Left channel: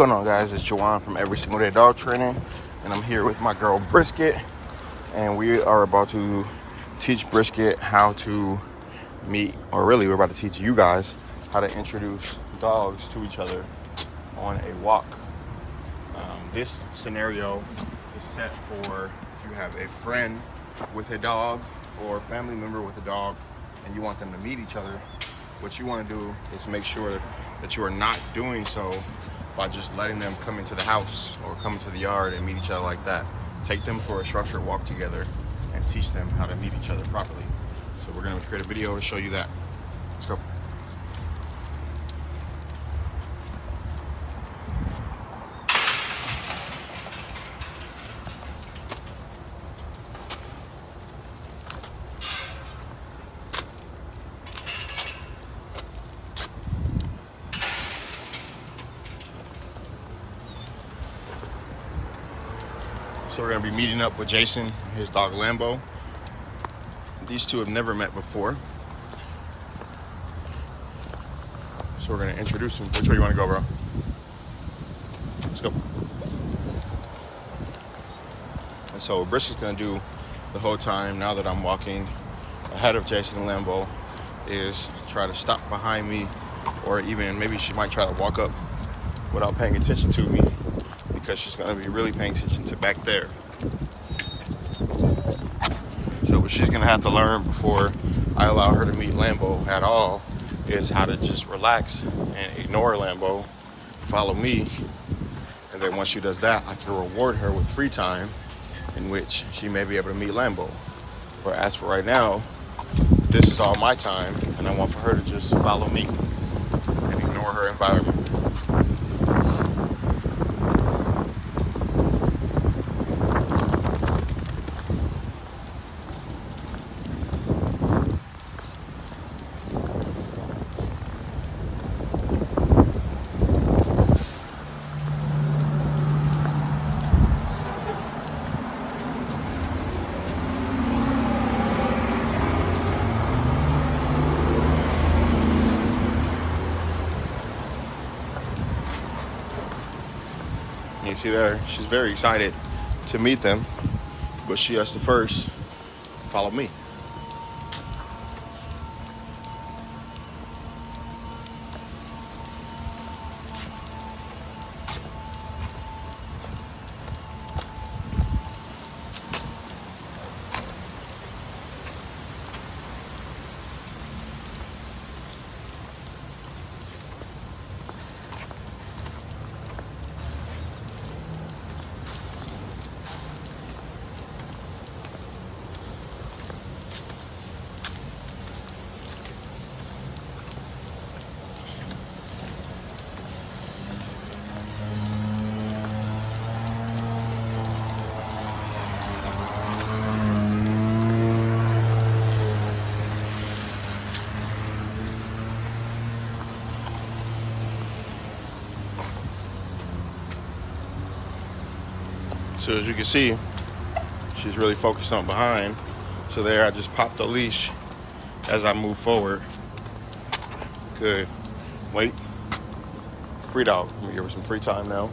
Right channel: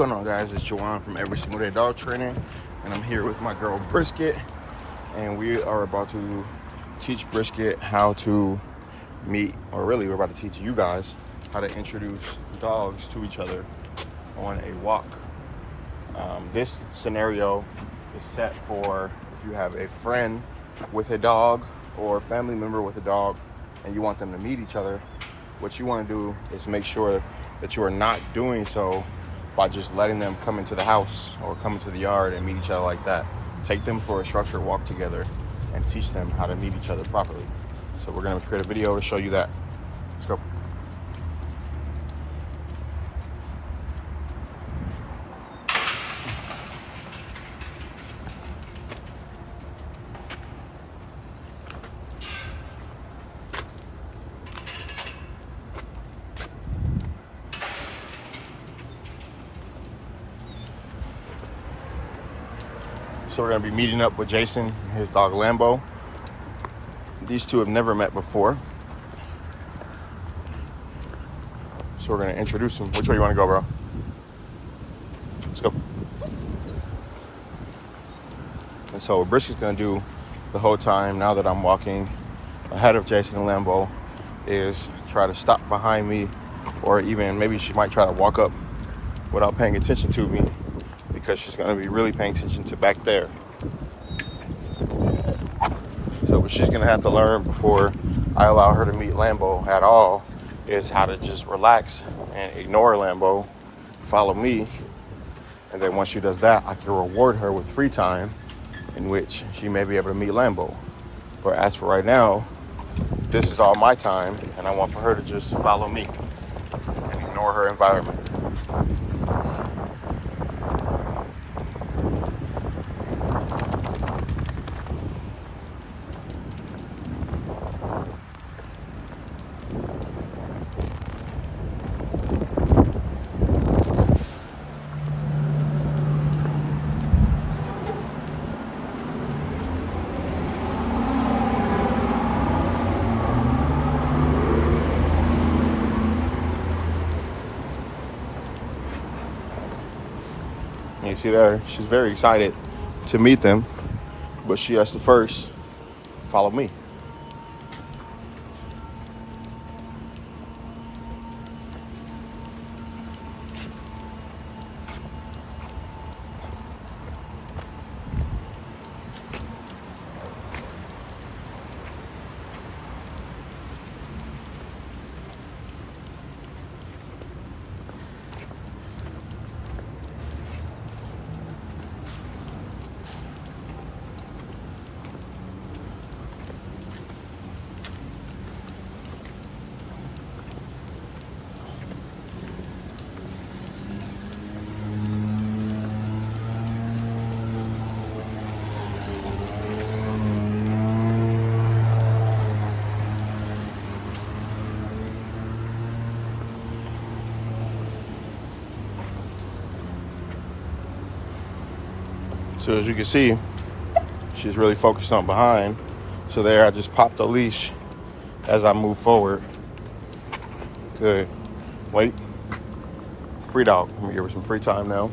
going on, guys? It's Juwan from Every Single Day Dog Training, and I'm here with my girl Brisket, and we are about to teach Brisket how to meet, or really we're about to teach you guys how to introduce dogs to each other on a walk. This scenario is set for if you have a friend with a dog or a family member with a dog and you want them to meet each other. What you want to do is make sure that you are not doing so by just letting them come into the house or come into the yard and meet each other like that. Take them for a structured walk together and teach them how to meet each other properly. So we're going to create a video to show you that. Let's go. So we're going to be meeting up with Jason and his dog Lambo. These two have never met before. So we're going to introduce them. Which way you want to go, bro? Let's go. And so what Brish is going to do the whole time, now that I'm walking ahead of Jason and Lambo, is try to stop behind me, or even maybe she might try to walk up without paying attention to me, because she's going to be really paying attention to back there. So what she's going to have to learn before I allow her to meet Lambo at all is how to just relax and ignore Lambo, follow me, and then once she does that, I can reward her with free time in which she may be able to meet Lambo. But as for right now, this is all my time, and I want for her to just follow me and ignore her environment. You see there, she's very excited to meet them, but she has to first follow me. So as you can see, she's really focused on behind. So there, I just popped the leash as I move forward. Good. Wait. Free dog. I'm gonna give her some free time now.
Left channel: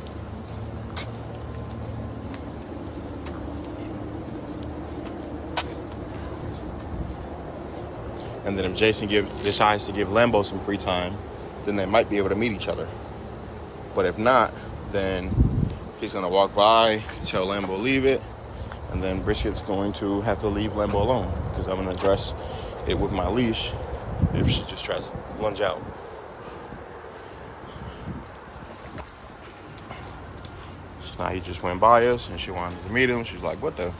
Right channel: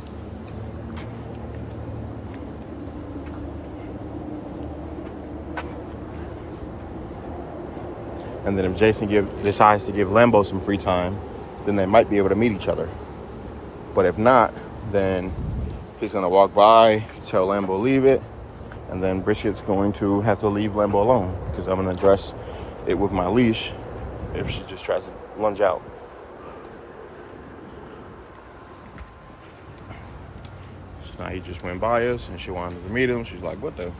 And then if Jason decides to give Lambo some free time, then they might be able to meet each other. But if not, then he's gonna walk by, tell Lambo leave it, and then Brisket's going to have to leave Lambo alone, because I'm gonna address it with my leash if she just tries to lunge out. So now he just went by us and she wanted to meet him. She's like, what the?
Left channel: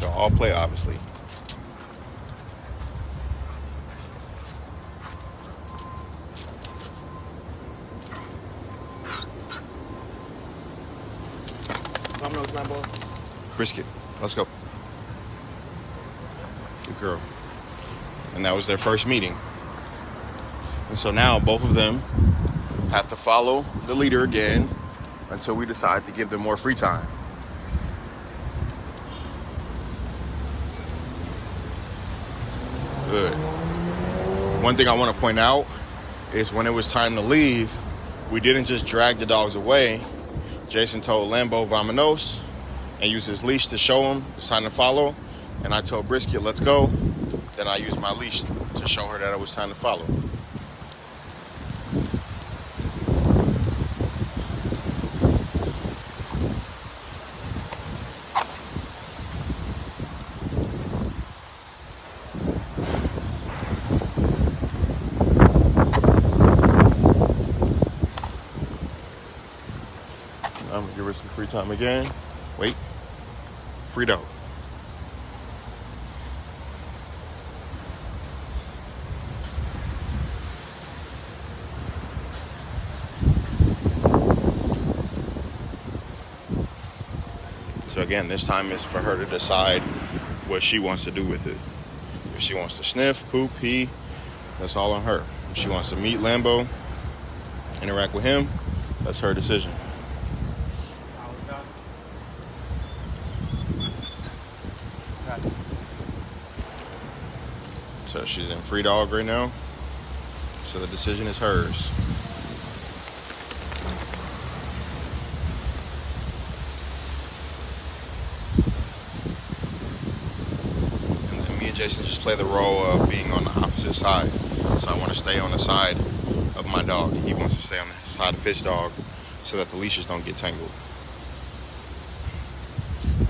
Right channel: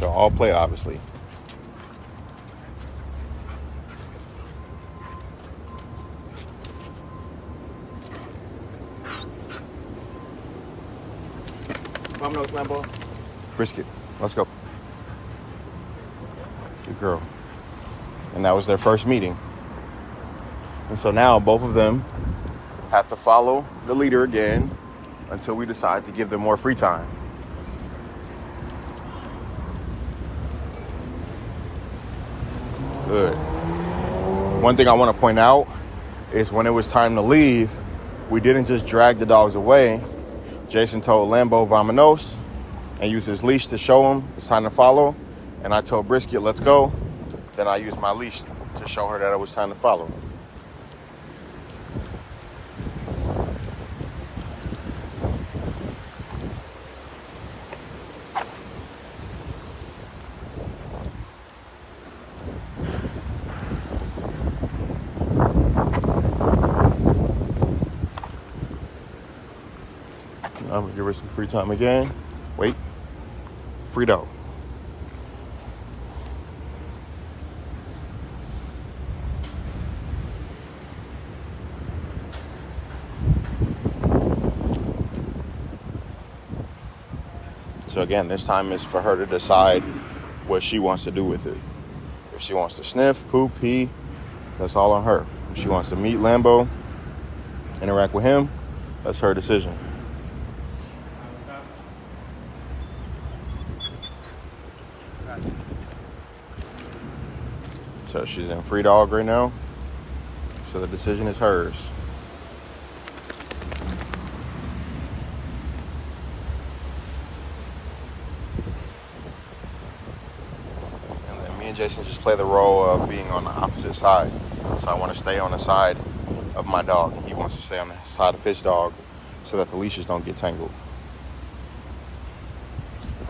So all play, obviously. Vámonos, Lambo. Brisket, let's go. Good girl. And that was their first meeting. And so now both of them have to follow the leader again until we decide to give them more free time. Good. One thing I want to point out is when it was time to leave, we didn't just drag the dogs away. Jason told Lambo "Vámonos" and used his leash to show him it's time to follow. And I told Brisket, "Let's go." Then I used my leash to show her that it was time to follow. I'm gonna give her some free time again. Wait. Free dog. So again, this time is for her to decide what she wants to do with it. If she wants to sniff, poop, pee, that's all on her. If she wants to meet Lambo, interact with him, that's her decision. So she's in free dog right now. So the decision is hers. And then me and Jason just play the role of being on the opposite side. So I want to stay on the side of my dog, and he wants to stay on the side of his dog so that the leashes don't get tangled.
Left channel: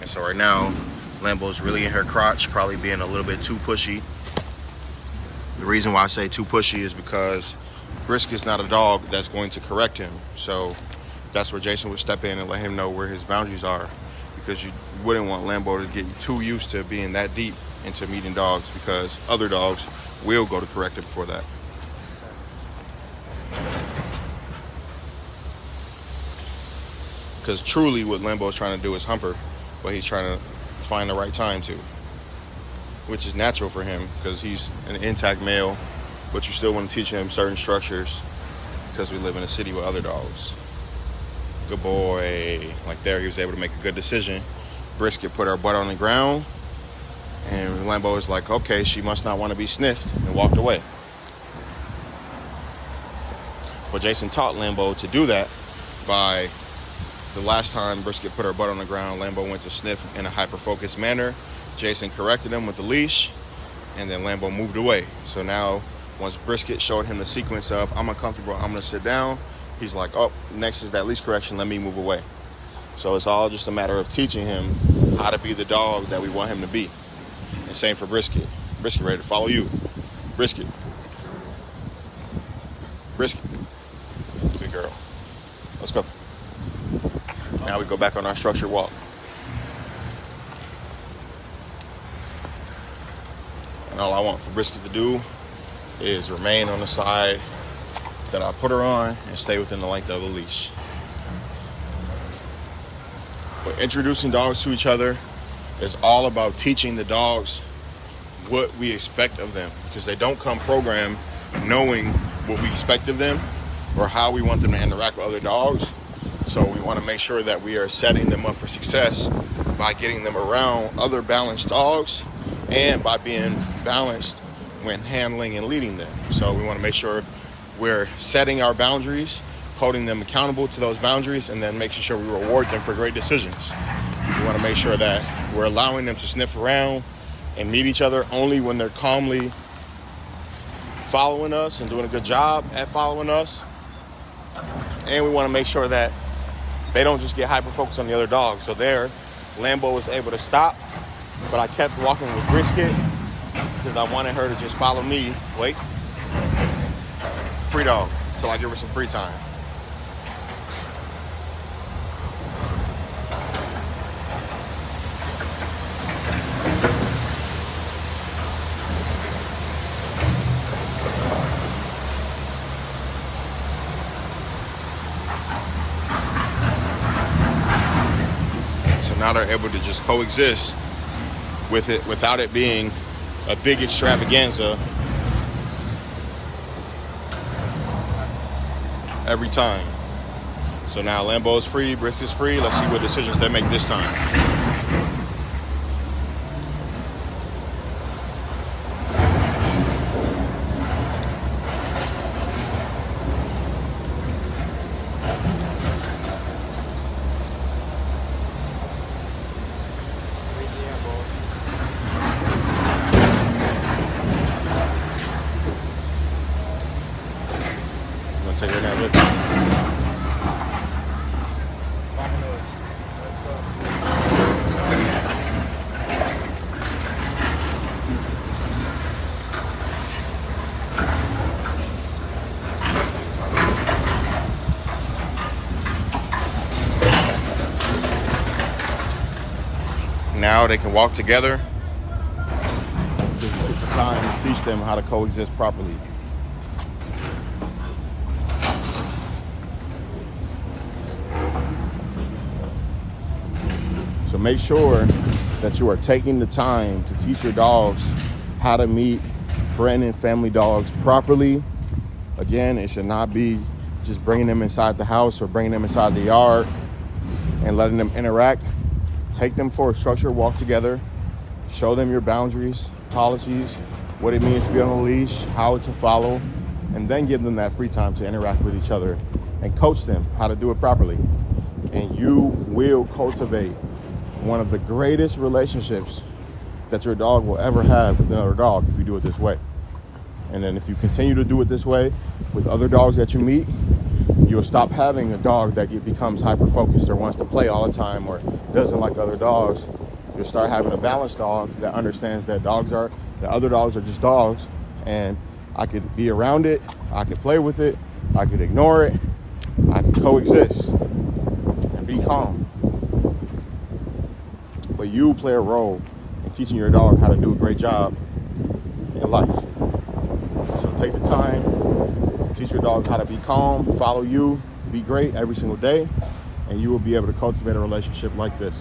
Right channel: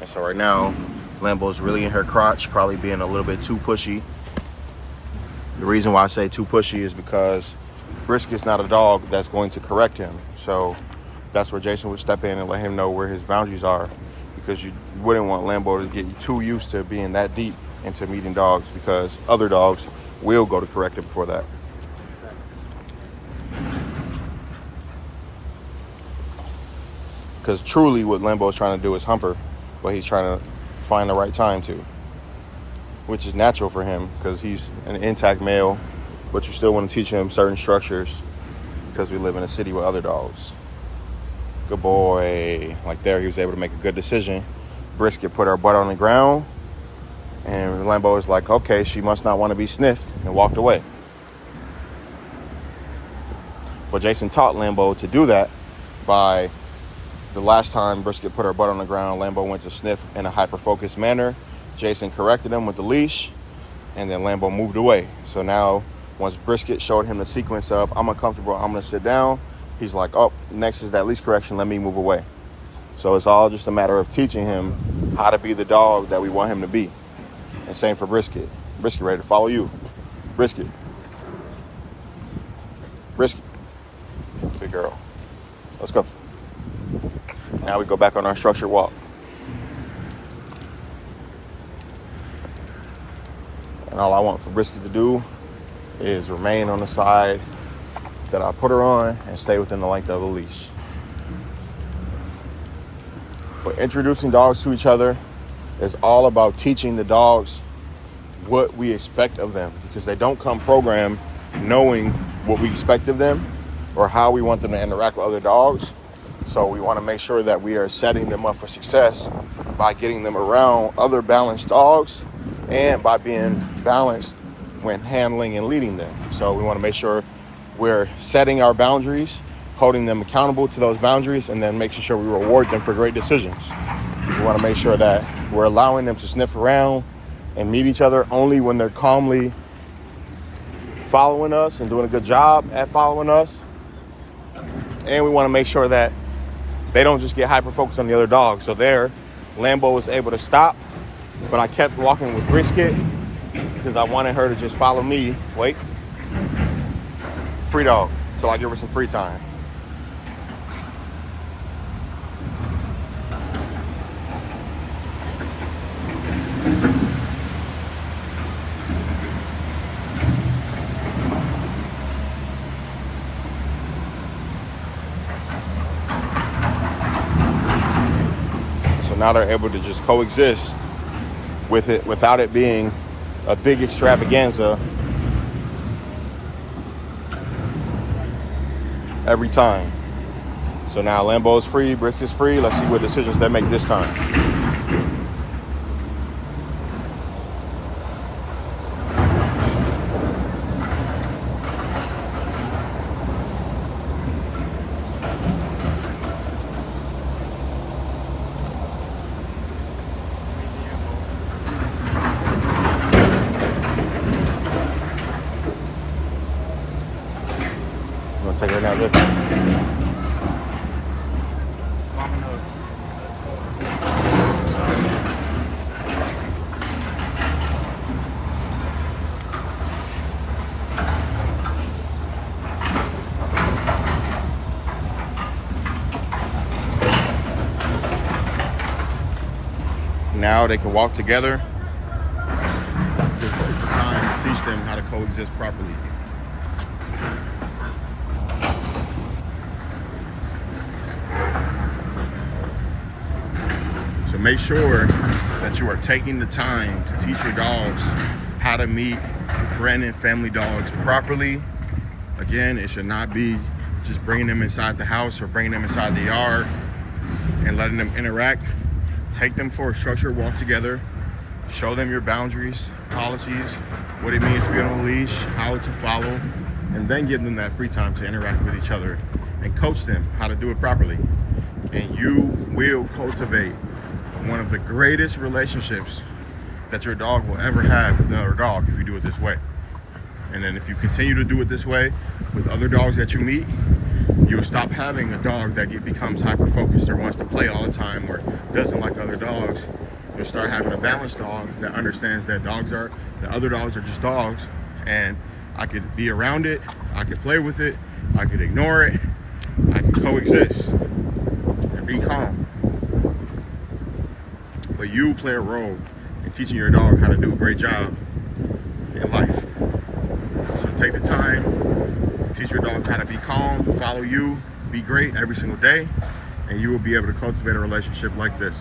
And so right now, Lambo's really in her crotch, probably being a little bit too pushy. The reason why I say too pushy is because Brisket's not a dog that's going to correct him. So that's where Jason would step in and let him know where his boundaries are, because you wouldn't want Lambo to get too used to being that deep into meeting dogs, because other dogs will go to correct him for that. Because truly what Lambo is trying to do is hump her, but he's trying to find the right time to, which is natural for him because he's an intact male, but you still want to teach him certain structures because we live in a city with other dogs. Good boy. Like there, he was able to make a good decision. Brisket put her butt on the ground, and Lambo was like, okay, she must not want to be sniffed, and walked away. But Jason taught Lambo to do that by the last time Brisket put her butt on the ground, Lambo went to sniff in a hyper-focused manner. Jason corrected him with the leash, and then Lambo moved away. So now, once Brisket showed him the sequence of, I'm uncomfortable, I'm going to sit down, he's like, oh, next is that leash correction, let me move away. So it's all just a matter of teaching him how to be the dog that we want him to be. And same for Brisket. Brisket ready to follow you. Brisket. Brisket. Good girl. Let's go. Now we go back on our structured walk. And all I want for Brisket to do is remain on the side that I put her on and stay within the length of the leash. But introducing dogs to each other is all about teaching the dogs what we expect of them, because they don't come programmed knowing what we expect of them or how we want them to interact with other dogs. So we want to make sure that we are setting them up for success by getting them around other balanced dogs and by being balanced when handling and leading them. So we want to make sure we're setting our boundaries, holding them accountable to those boundaries, and then making sure we reward them for great decisions. We want to make sure that we're allowing them to sniff around and meet each other only when they're calmly following us and doing a good job at following us. And we want to make sure that they don't just get hyper-focused on the other dog. So there, Lambo was able to stop, but I kept walking with Brisket because I wanted her to just follow me. Wait. Free dog, till I give her some free time. So now they're able to just coexist with it without it being a big extravaganza every time. So now Lambo's free, Brisket's free. Let's see what decisions they make this time. You want to take that look? Mama knows. Let's go. Now they can walk together. This is the time to teach them how to coexist properly. So make sure that you are taking the time to teach your dogs how to meet friend and family dogs properly. Again, it should not be just bringing them inside the house or bringing them inside the yard and letting them interact. Take them for a structured walk together. Show them your boundaries, policies, what it means to be on a leash, how to follow, and then give them that free time to interact with each other and coach them how to do it properly. And you will cultivate one of the greatest relationships that your dog will ever have with another dog if you do it this way. And then if you continue to do it this way with other dogs that you meet, you'll stop having a dog that becomes hyper-focused or wants to play all the time or doesn't like other dogs. You'll start having a balanced dog that understands that the other dogs are just dogs, and I could be around it, I could play with it, I could ignore it, I could coexist and be calm. But you play a role in teaching your dog how to do a great job in life. So take the time to teach your dog how to be calm, follow you, be great every single day, and you will be able to cultivate a relationship like this.